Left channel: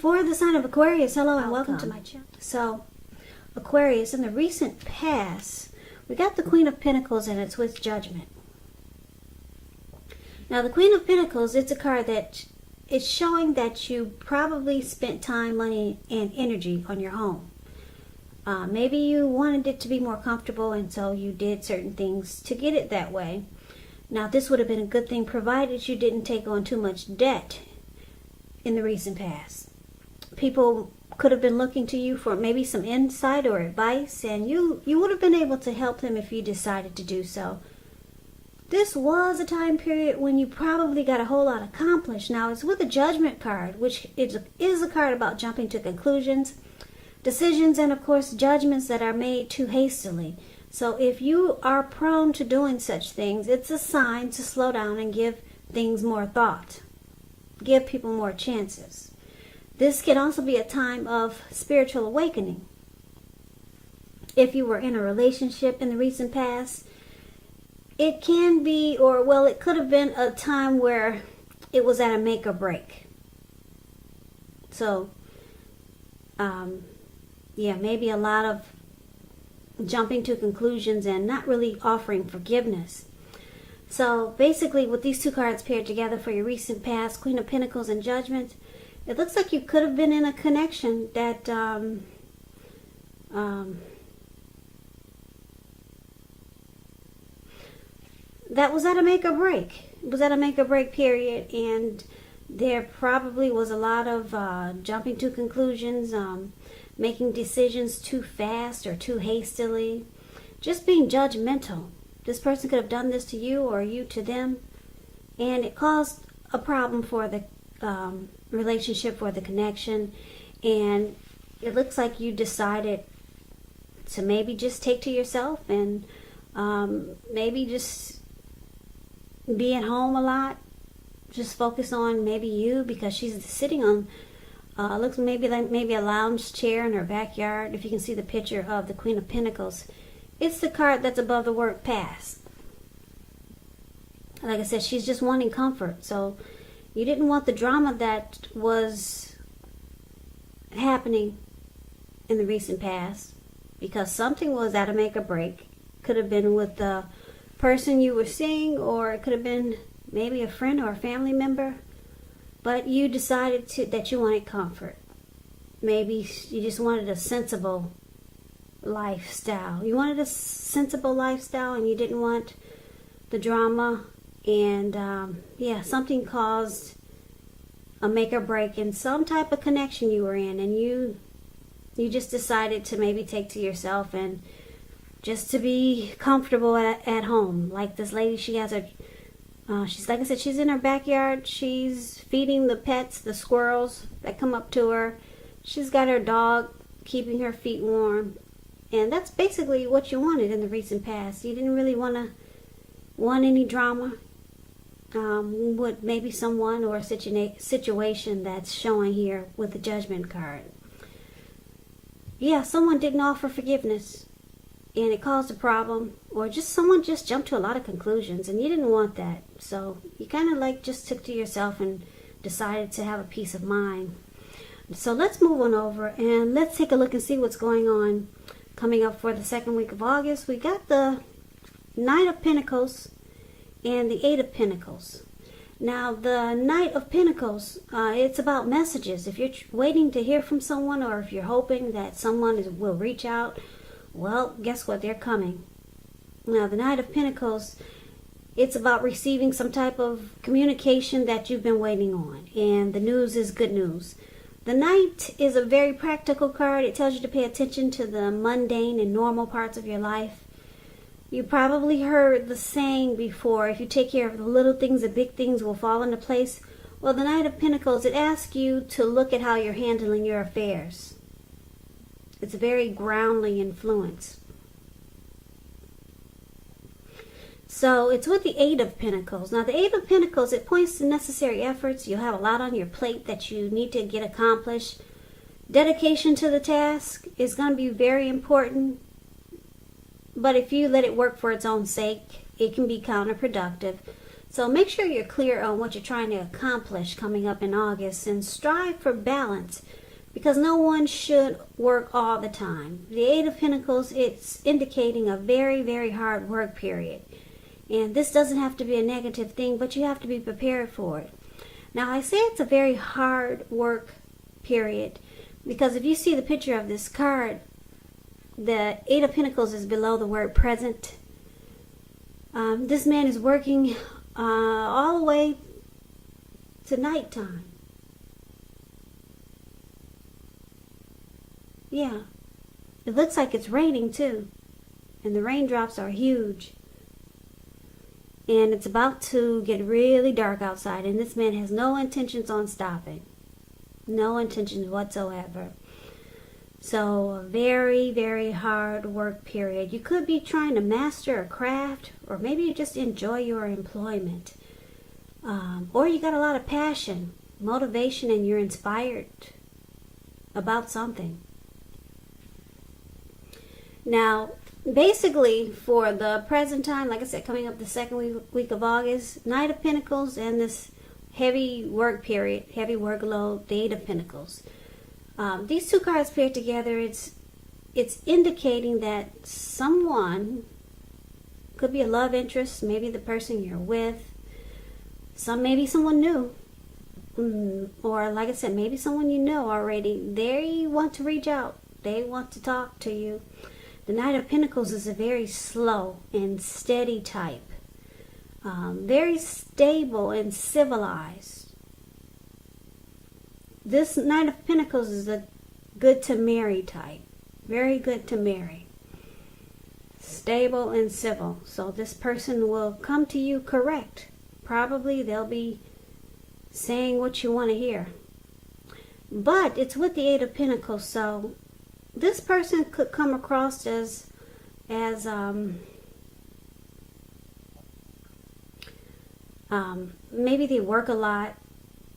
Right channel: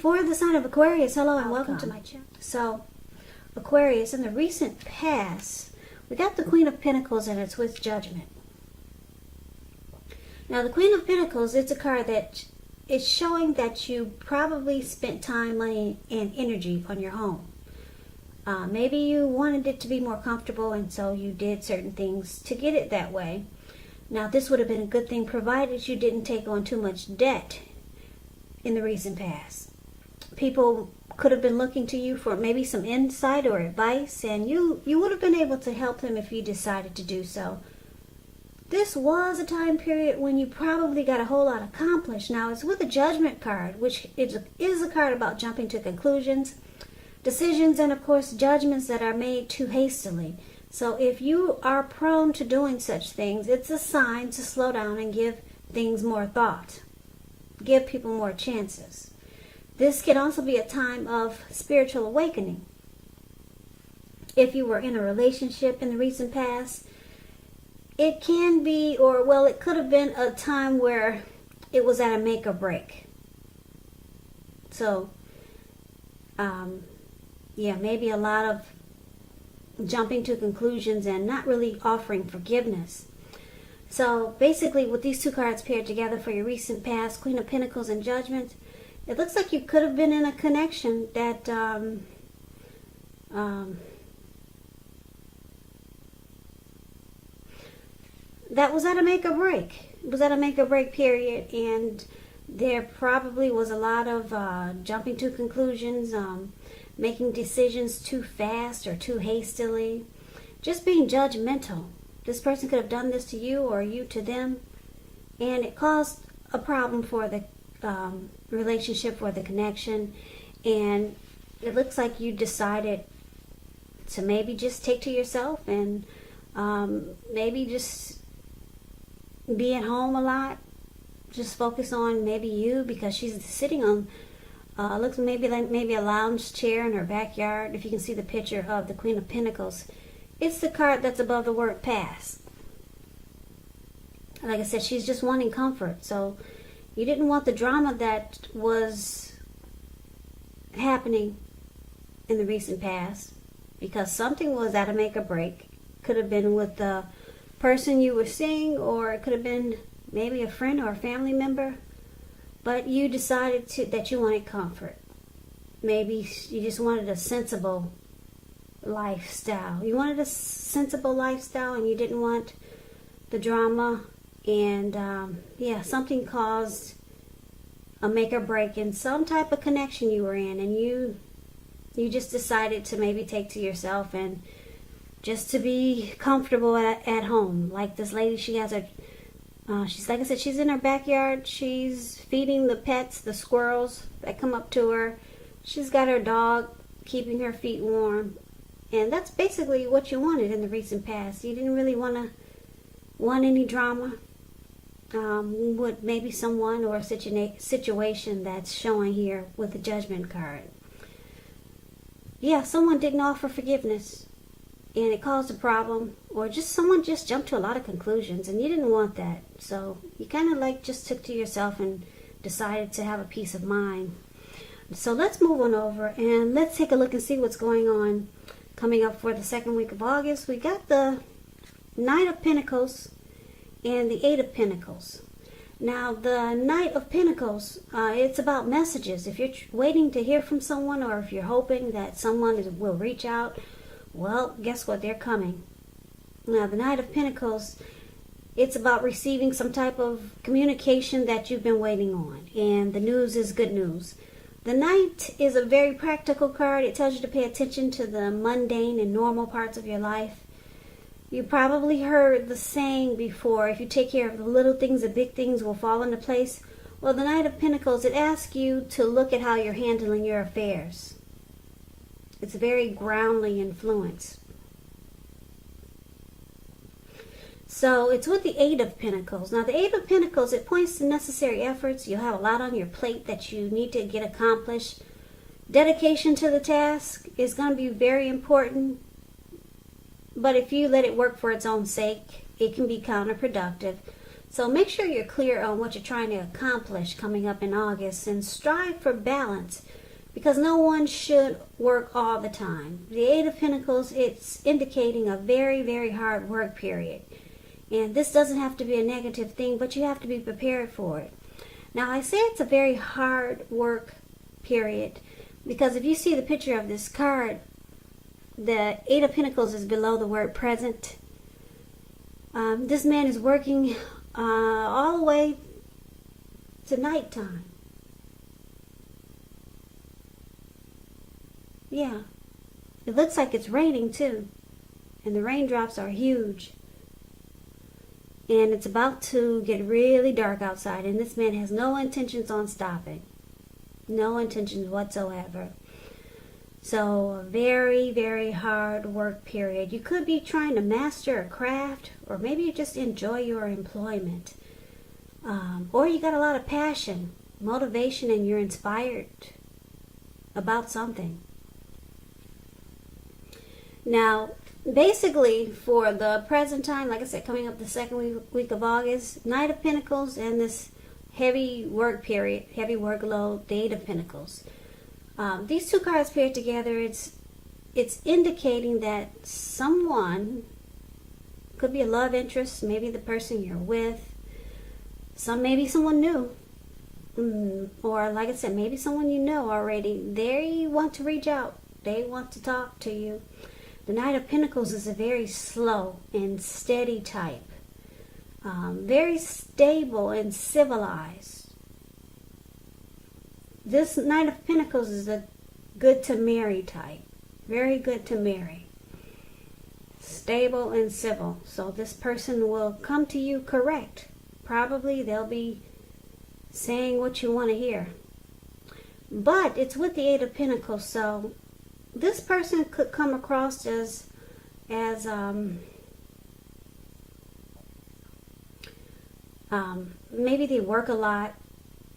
For the sign of Aquarius, hello and welcome to my channel. So, Aquarius, in the recent past, we got the Queen of Pentacles and it's with Judgment. Now, the Queen of Pentacles, it's a card that is showing that you probably spent time, money, and energy on your home. Maybe you wanted it to be more comfortable and so you did certain things to get it that way. Now, this would have been a good thing provided you didn't take on too much debt in the recent past. People could have been looking to you for maybe some insight or advice, and you would have been able to help them if you decided to do so. This was a time period when you probably got a whole lot accomplished. Now, it's with a Judgment card, which is a card about jumping to conclusions, decisions, and of course judgments that are made too hastily. So if you are prone to doing such things, it's a sign to slow down and give things more thought. Give people more chances. This could also be a time of spiritual awakening. If you were in a relationship in the recent past, it can be, or well, it could have been a time where it was at a make or break. So, yeah, maybe a lot of jumping to conclusions and not really offering forgiveness. So basically, with these two cards paired together for your recent past, Queen of Pentacles and Judgment, it looks like you could have been in a connection that that was at a make or break. It was at a make or break period, and there probably was a lot of jumping to conclusions, making decisions too fast or too hastily, just being judgmental. This person could have done this to you or you to them, and it caused a problem for the relationship, for the connection, and it looks like you decided to maybe just take to yourself and maybe just be at home a lot, just focus on maybe you, because she's sitting on looks maybe a lounge chair in her backyard. If you can see the picture of the Queen of Pentacles, it's the card that's above the word past. Like I said, she's just wanting comfort. So you didn't want the drama that was happening in the recent past, because something was at a make or break. Could have been with the person you were seeing, or it could have been maybe a friend or a family member. But you decided that you wanted comfort. Maybe you just wanted a sensible lifestyle. You wanted a sensible lifestyle and you didn't want the drama. And yeah, something caused a make or break in some type of connection you were in. And you just decided to maybe take to yourself and just to be comfortable at home. Like this lady, she has a... she's, like I said, she's in her backyard. She's feeding the pets, the squirrels that come up to her. She's got her dog keeping her feet warm. And that's basically what you wanted in the recent past. You didn't really want any drama with maybe someone or a situation that's showing here with the Judgment card. Yeah, someone didn't offer forgiveness and it caused a problem. Or just someone just jumped to a lot of conclusions and you didn't want that. So you kind of like just took to yourself and decided to have a peace of mind. So let's move on over and let's take a look and see what's going on coming up for the second week of August. We got the Knight of Pentacles and the Eight of Pentacles. Now the Knight of Pentacles, it's about messages. If you're waiting to hear from someone, or if you're hoping that someone will reach out, well, guess what? They're coming. Now, the Knight of Pentacles, it's about receiving some type of communication that you've been waiting on. And the news is good news. The Knight is a very practical card. It tells you to pay attention to the mundane and normal parts of your life. You probably heard the saying before, if you take care of the little things, the big things will fall into place. Well, the Knight of Pentacles, it asks you to look at how you're handling your affairs. It's a very grounding influence. So it's with the Eight of Pentacles. Now the Eight of Pentacles, it points to necessary efforts. You have a lot on your plate that you need to get accomplished. Dedication to the task is going to be very important. But if you let it work for its own sake, it can be counterproductive. So make sure you're clear on what you're trying to accomplish coming up in August, and strive for balance, because no one should work all the time. The Eight of Pentacles, it's indicating a very, very hard work period. And this doesn't have to be a negative thing, but you have to be prepared for it. Now, I say it's a very hard work period because if you see the picture of this card, the Eight of Pentacles is below the word present. This man is working all the way to nighttime. Yeah. It looks like it's raining too. And the raindrops are huge. And it's about to get really dark outside. And this man has no intentions on stopping. No intentions whatsoever. So a very, very hard work period. You could be trying to master a craft, or maybe you just enjoy your employment. Or you got a lot of passion, motivation, and you're inspired about something. Now, basically, for the present time, like I said, coming up the second week of August, Knight of Pentacles and this heavy work period, heavy workload, the Eight of Pentacles. These two cards paired together, it's indicating that someone, could be a love interest, maybe the person you're with, maybe someone new, or like I said, maybe someone you know already. They want to reach out. They want to talk to you. The Knight of Pentacles is a very slow and steady type. Very stable and civilized. This Knight of Pentacles is a good to marry type. Very good to marry. Stable and civil. So this person will come to you correct. Probably they'll be saying what you want to hear. But it's with the Eight of Pentacles, so this person could come across as maybe they work a lot.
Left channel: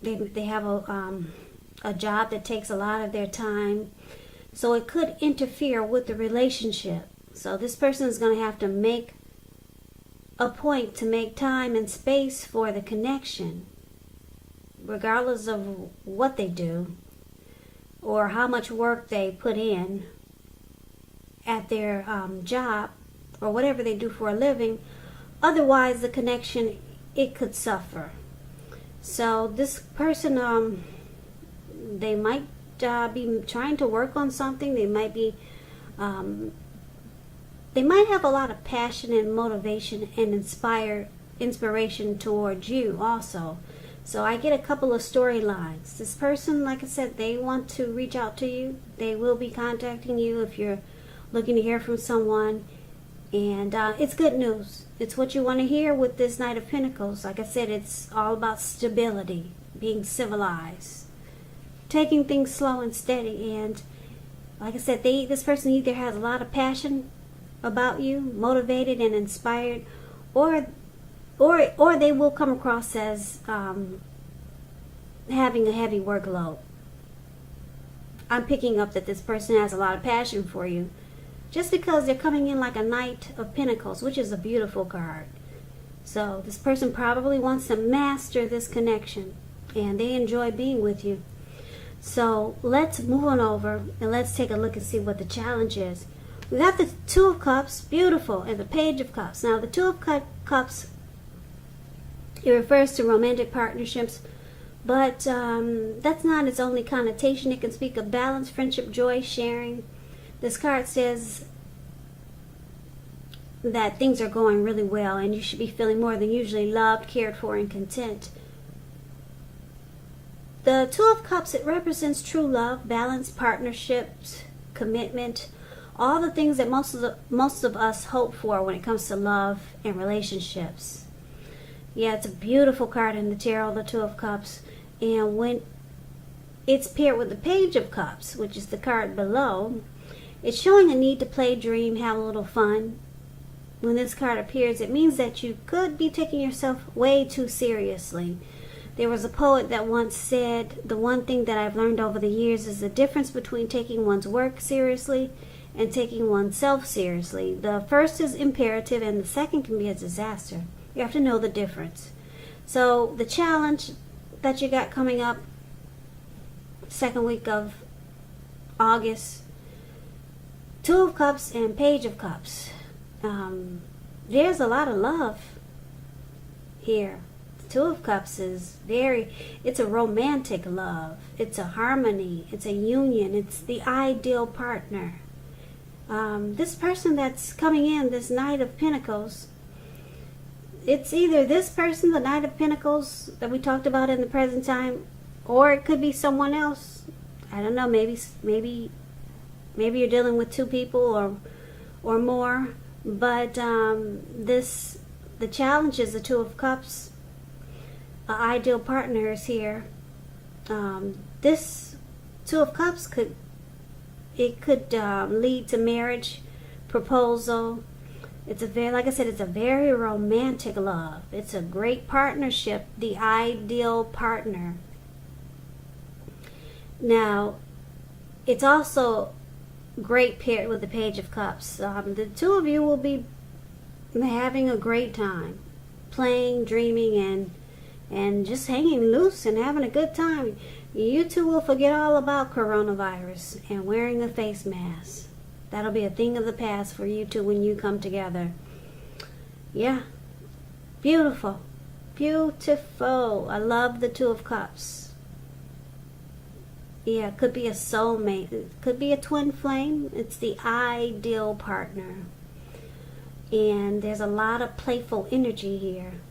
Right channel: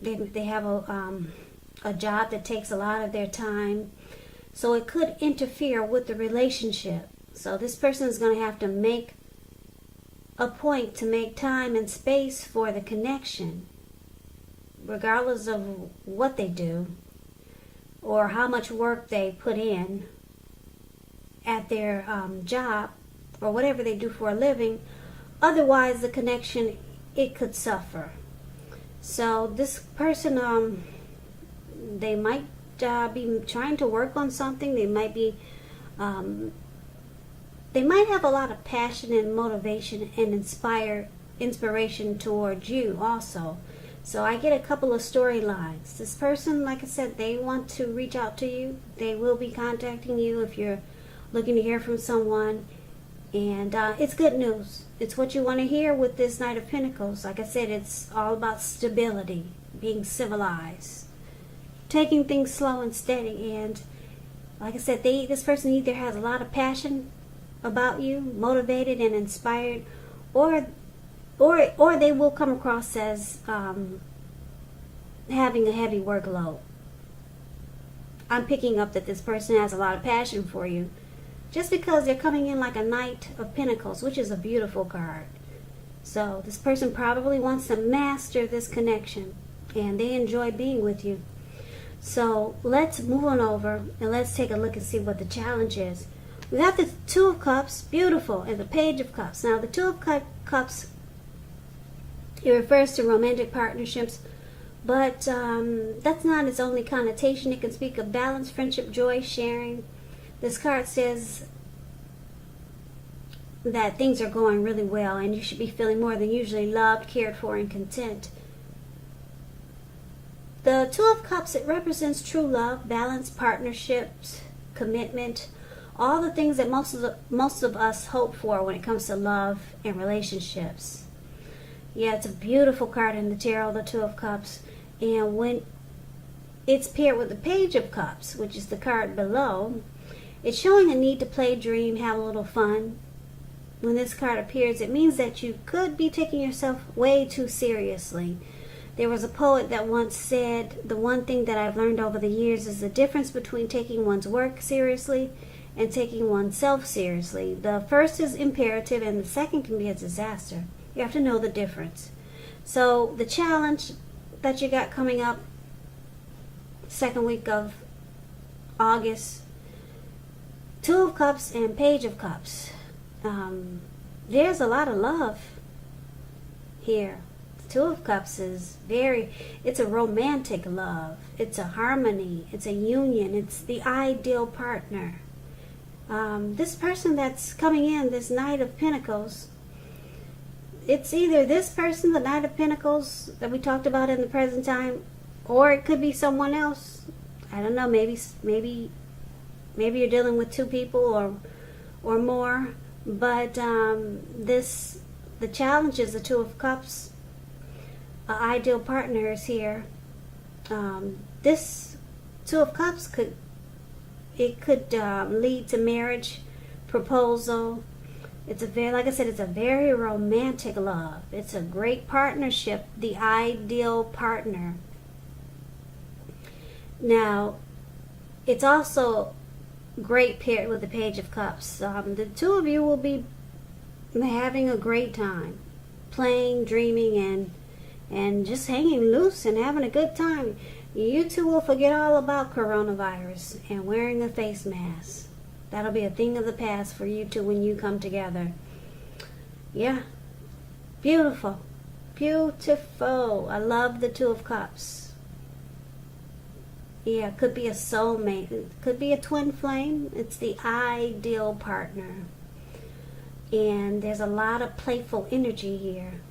They have a job that takes a lot of their time, so it could interfere with the relationship. So this person is going to have to make a point to make time and space for the connection, regardless of what they do or how much work they put in at their job or whatever they do for a living. Otherwise, the connection, it could suffer. So this person, they might be trying to work on something. They might be, they might have a lot of passion and motivation and inspiration towards you also. So I get a couple of storylines. This person, like I said, they want to reach out to you. They will be contacting you if you're looking to hear from someone. And it's good news. It's what you want to hear with this Knight of Pentacles. Like I said, it's all about stability, being civilized, taking things slow and steady. And like I said, this person either has a lot of passion about you, motivated and inspired, or they will come across as having a heavy workload. I'm picking up that this person has a lot of passion for you, just because they're coming in like a Knight of Pentacles, which is a beautiful card. So this person probably wants to master this connection, and they enjoy being with you. So let's move on over and let's take a look and see what the challenge is. We got the Two of Cups, beautiful, and the Page of Cups. Now the Two of Cups, it refers to romantic partnerships, but that's not its only connotation. It can speak of balance, friendship, joy, sharing. This card says that things are going really well and you should be feeling more than usually loved, cared for, and content. The Two of Cups, it represents true love, balance, partnerships, commitment, all the things that most of us hope for when it comes to love and relationships. Yeah, it's a beautiful card in the tarot, the Two of Cups. And when it's paired with the Page of Cups, which is the card below, it's showing a need to play, dream, have a little fun. When this card appears, it means that you could be taking yourself way too seriously. There was a poet that once said, the one thing that I've learned over the years is the difference between taking one's work seriously and taking oneself seriously. The first is imperative and the second can be a disaster. You have to know the difference. So the challenge that you got coming up, second week of August, Two of Cups and Page of Cups. There's a lot of love here. Two of Cups is it's a romantic love. It's a harmony. It's a union. It's the ideal partner. This person that's coming in, this Knight of Pentacles, it's either this person, the Knight of Pentacles that we talked about in the present time, or it could be someone else. I don't know, maybe you're dealing with two people or more. But the challenge is the Two of Cups. Ideal partner is here. This Two of Cups could lead to marriage, proposal. It's like I said, it's a very romantic love. It's a great partnership, the ideal partner. Now, it's also great paired with the Page of Cups. The two of you will be having a great time, playing, dreaming, and just hanging loose and having a good time. You two will forget all about coronavirus and wearing a face mask. That'll be a thing of the past for you two when you come together. Yeah. Beautiful. Beautiful. I love the Two of Cups. Yeah, could be a soulmate. It could be a twin flame. It's the ideal partner. And there's a lot of playful energy here.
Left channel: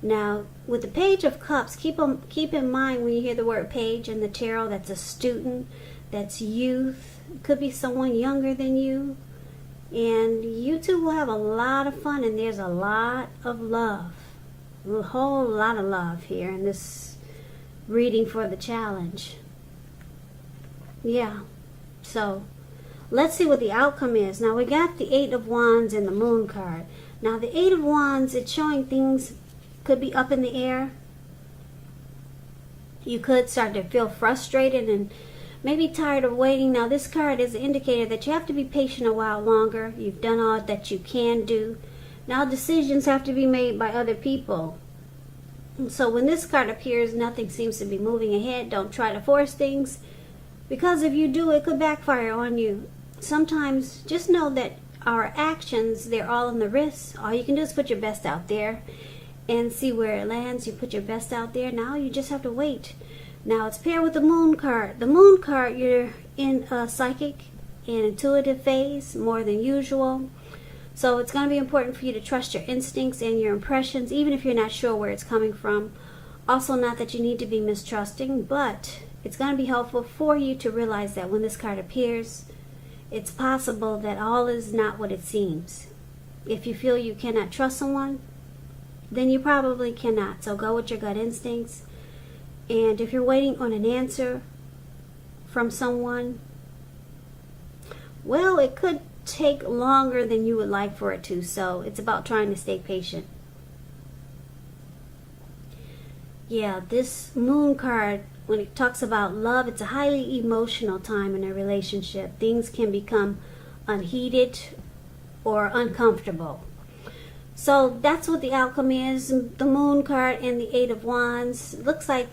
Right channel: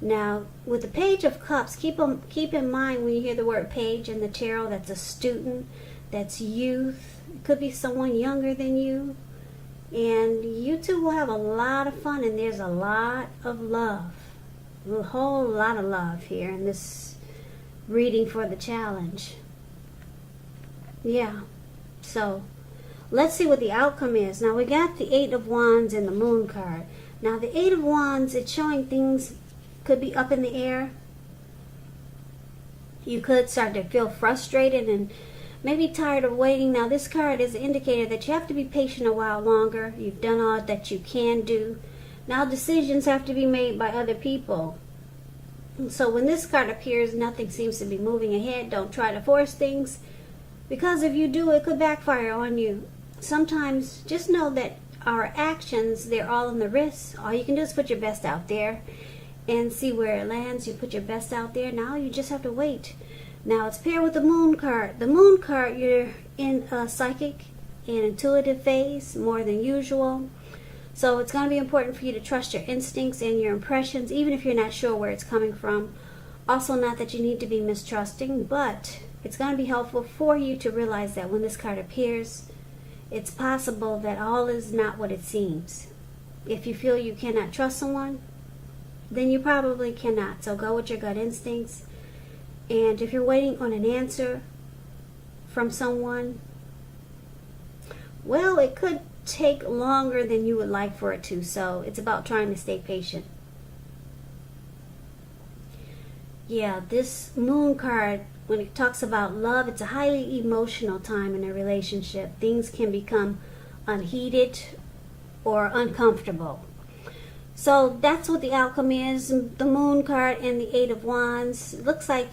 Now, with the Page of Cups, keep in mind when you hear the word page in the tarot, that's a student, that's youth. It could be someone younger than you. And you two will have a lot of fun, and there's a lot of love. A whole lot of love here in this reading for the challenge. Yeah. So, let's see what the outcome is. Now, we got the Eight of Wands and the Moon card. Now, the Eight of Wands, it's showing things could be up in the air. You could start to feel frustrated and maybe tired of waiting. Now, this card is an indicator that you have to be patient a while longer. You've done all that you can do. Now, decisions have to be made by other people. And so when this card appears, nothing seems to be moving ahead. Don't try to force things, because if you do, it could backfire on you. Sometimes just know that our actions, they're all in the wrist. All you can do is put your best out there and see where it lands. You put your best out there. Now you just have to wait. Now it's paired with the Moon card. The Moon card, you're in a psychic and intuitive phase more than usual. So it's going to be important for you to trust your instincts and your impressions, even if you're not sure where it's coming from. Also, not that you need to be mistrusting, but it's going to be helpful for you to realize that when this card appears, it's possible that all is not what it seems. If you feel you cannot trust someone, then you probably cannot. So go with your gut instincts. And if you're waiting on an answer from someone, well, it could take longer than you would like for it to. So it's about trying to stay patient. Yeah, this Moon card, when it talks about love, it's a highly emotional time in a relationship. Things can become unheated or uncomfortable. So that's what the outcome is. The Moon card and the Eight of Wands. It looks like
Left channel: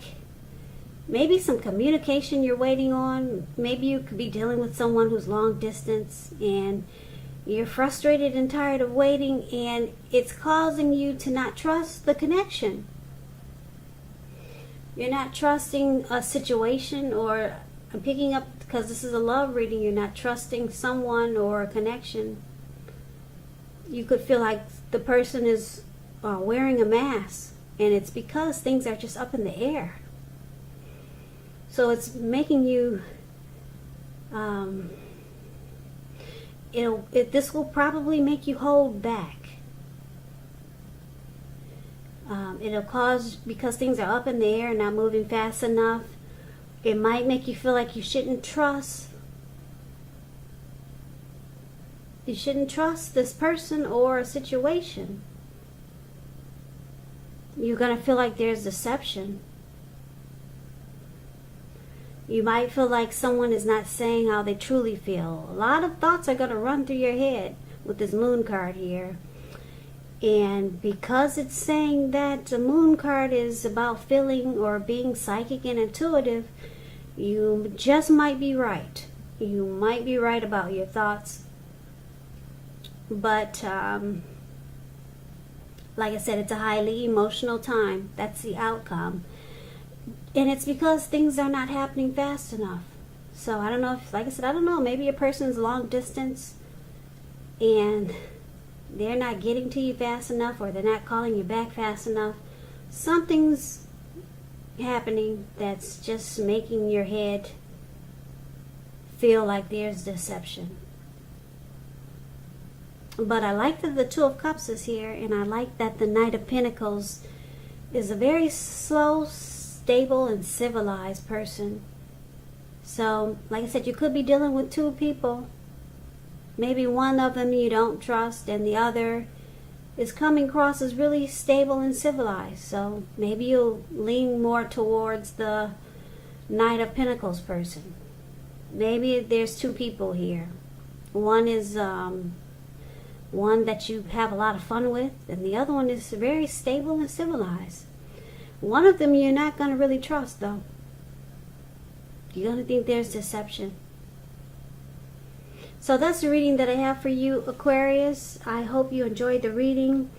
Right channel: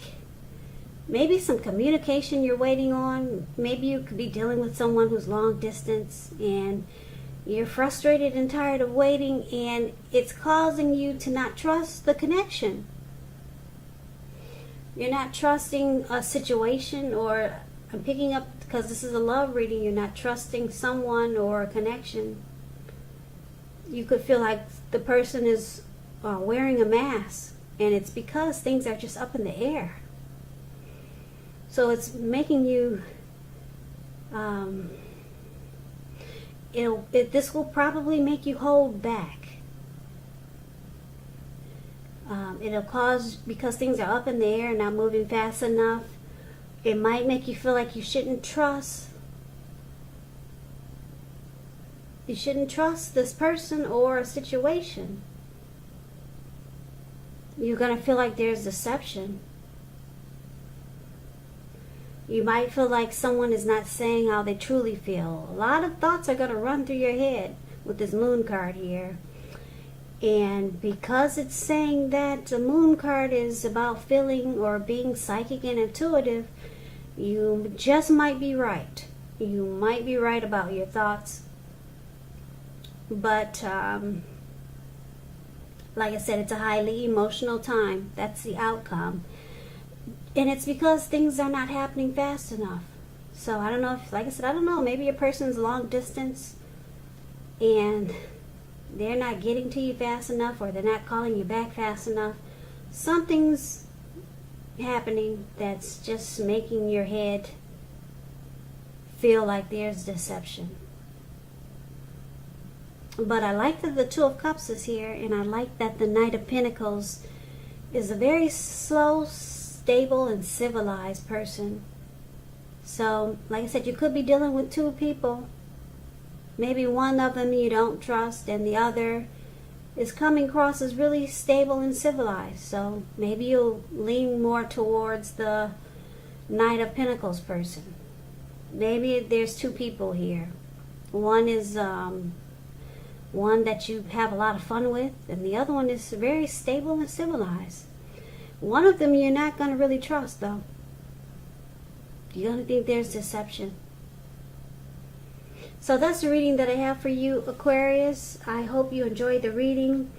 maybe some communication you're waiting on. Maybe you could be dealing with someone who's long distance and you're frustrated and tired of waiting, and it's causing you to not trust the connection. You're not trusting a situation, or I'm picking up, because this is a love reading, you're not trusting someone or a connection. You could feel like the person is wearing a mask, and it's because things are just up in the air. So it's making you, this will probably make you hold back. It'll cause, because things are up in the air and not moving fast enough, it might make you feel like you shouldn't trust. You shouldn't trust this person or a situation. You're going to feel like there's deception. You might feel like someone is not saying how they truly feel. A lot of thoughts are going to run through your head with this Moon card here. And because it's saying that the moon card is about feeling or being psychic and intuitive, you just might be right. You might be right about your thoughts. But like I said, it's a highly emotional time. That's the outcome. And it's because things are not happening fast enough. So I don't know if, like I said, I don't know. Maybe a person's long distance and they're not getting to you fast enough, or they're not calling you back fast enough. Something's happening that's just making your head feel like there's deception. But I like that the Two of Cups is here, and I like that the Knight of Pentacles is a very slow, stable, and civilized person. So, like I said, you could be dealing with two people. Maybe one of them you don't trust, and the other is coming across as really stable and civilized. So maybe you'll lean more towards the Knight of Pentacles person. Maybe there's two people here. One is one that you have a lot of fun with, and the other one is very stable and civilized. One of them you're not going to really trust, though. You're going to think there's deception. So that's the reading that I have for you, Aquarius. I hope you enjoyed the reading.